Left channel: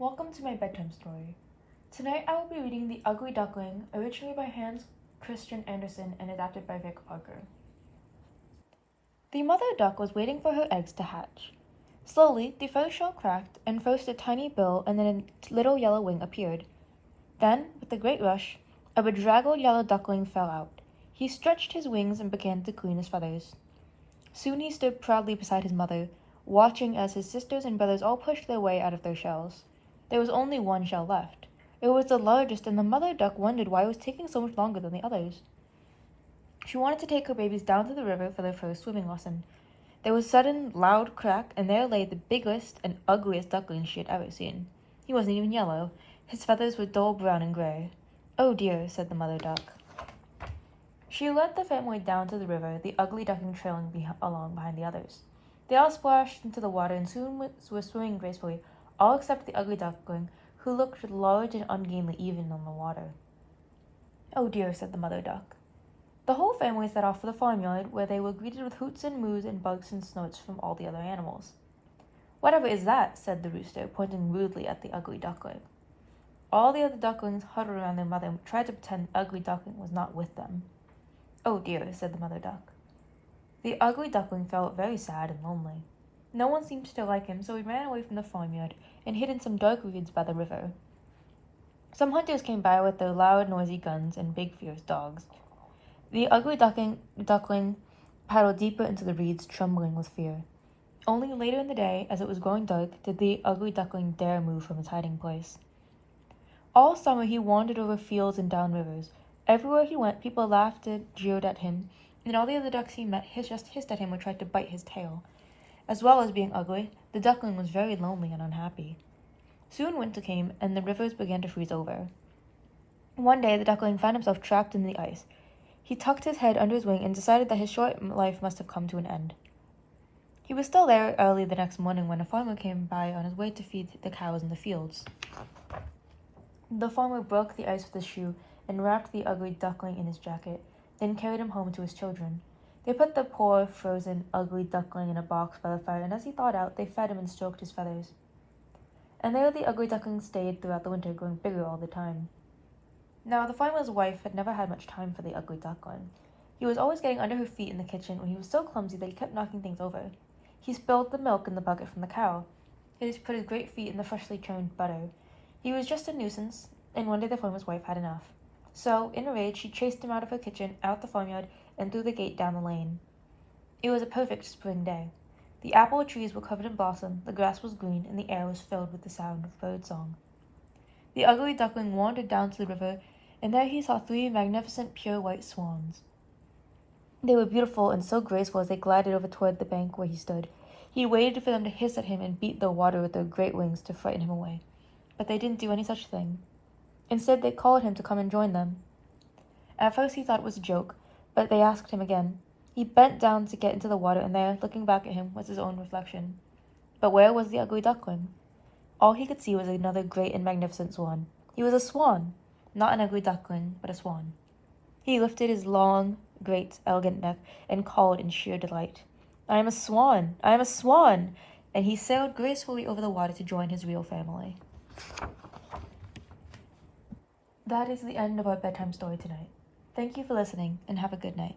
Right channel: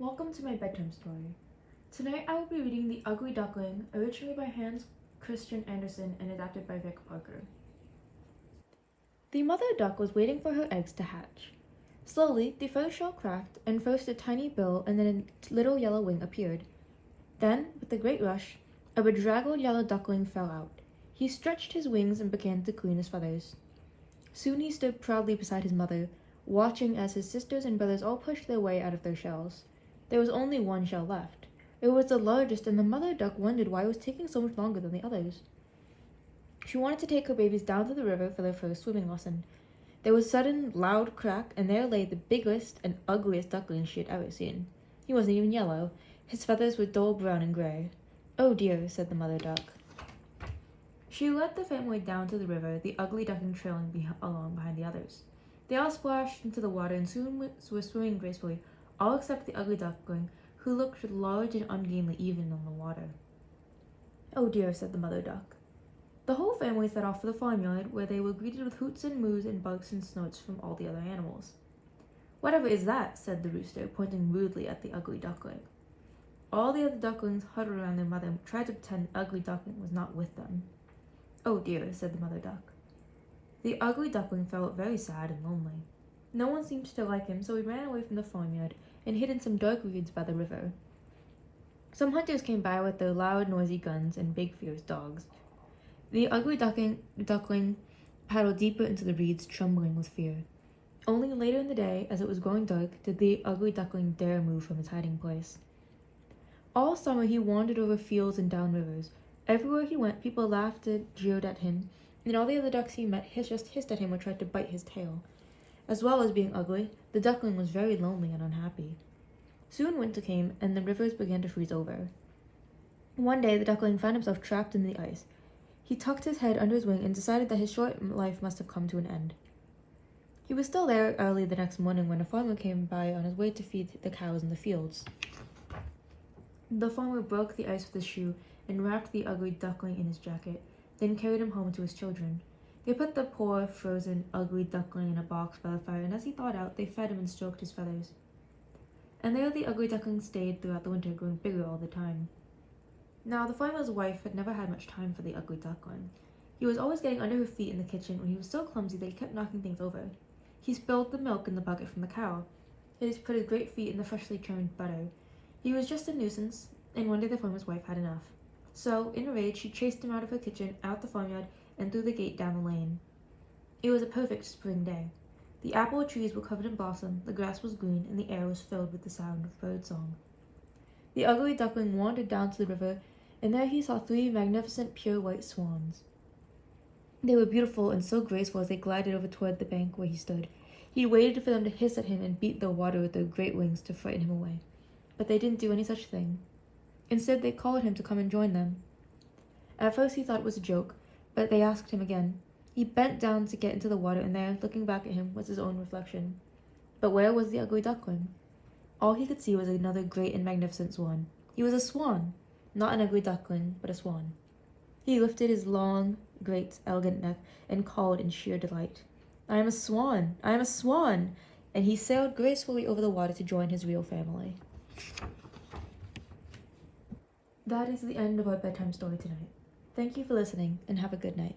Welcome to my bedtime story. Tonight I will be reading The Ugly Duckling, originally by Hans Christian Andersen and adapted by Vic Parker. The mother duck was waiting for her eggs to hatch. Slowly, the feather shell cracked, and first a tiny bill and then a little yellow wing appeared. Then, with a great rush, a bedraggled yellow duckling fell out. He stretched his wings and began to clean his feathers. Soon he stood proudly beside his mother, watching as his sisters and brothers all pushed their way out of their shells. There was only one shell left. It was the largest, and the mother duck wondered why it was taking so much longer than the others. She wanted to take her babies down to the river for their first swimming lesson. There was a sudden, loud crack, and there lay the biggest and ugliest duckling she had ever seen. He wasn't even yellow. His feathers were dull brown and gray. "Oh dear," said the mother duck. She led the family down to the river, the ugly duckling trailing along behind the others. They all splashed into the water and soon were swimming gracefully, all except the ugly duckling, who looked large and ungainly even on the water. "Oh dear," said the mother duck. The whole family set off for the farmyard, where they were greeted with hoots and moos and barks and snorts from all the other animals. "Whatever is that?" said the rooster, pointing rudely at the ugly duckling. All the other ducklings huddled around their mother and tried to pretend the ugly duckling was not with them. "Oh dear," said the mother duck. The ugly duckling felt very sad and lonely. No one seemed to like him, so he ran away from the farmyard and hid in some dark reeds by the river. Some hunters came by with their loud, noisy guns and big, fierce dogs. The ugly duckling paddled deeper into the reeds, trembling with fear. Only later in the day, as it was growing dark, did the ugly duckling dare move from his hiding place. All summer he wandered over fields and down rivers. Everywhere he went, people laughed and jeered at him, and all the other ducks he met just hissed at him or tried to bite his tail. As well as being ugly, the duckling was very lonely and unhappy. Soon winter came, and the rivers began to freeze over. One day, the duckling found himself trapped in the ice. He tucked his head under his wing and decided that his short life must have come to an end. He was still there early the next morning when a farmer came by on his way to feed the cows in the fields. The farmer broke the ice with his shoe and wrapped the ugly duckling in his jacket, then carried him home to his children. They put the poor, frozen, ugly duckling in a box by the fire, and as he thawed out, they fed him and stroked his feathers. And there the ugly duckling stayed throughout the winter, growing bigger all the time. Now, the farmer's wife had never had much time for the ugly duckling. He was always getting under her feet in the kitchen, and he was so clumsy that he kept knocking things over. He spilled the milk in the bucket from the cow. He just put his great feet in the freshly churned butter. He was just a nuisance, and one day the farmer's wife had enough. So, in a rage, she chased him out of her kitchen, out the farmyard, and through the gate down the lane. It was a perfect spring day. The apple trees were covered in blossom, the grass was green, and the air was filled with the sound of bird song. The ugly duckling wandered down to the river, and there he saw 3 magnificent pure white swans. They were beautiful and so graceful as they glided over toward the bank where he stood. He waited for them to hiss at him and beat the water with their great wings to frighten him away. But they didn't do any such thing. Instead, they called him to come and join them. At first he thought it was a joke, but they asked him again. He bent down to get into the water, and there, looking back at him, was his own reflection. But where was the ugly duckling? All he could see was another great and magnificent swan. He was a swan, not an ugly duckling, but a swan. He lifted his long, great, elegant neck and called in sheer delight, "I am a swan! I am a swan!" And he sailed gracefully over the water to join his real family. That is the end of our bedtime story tonight. Thank you for listening, and have a good night.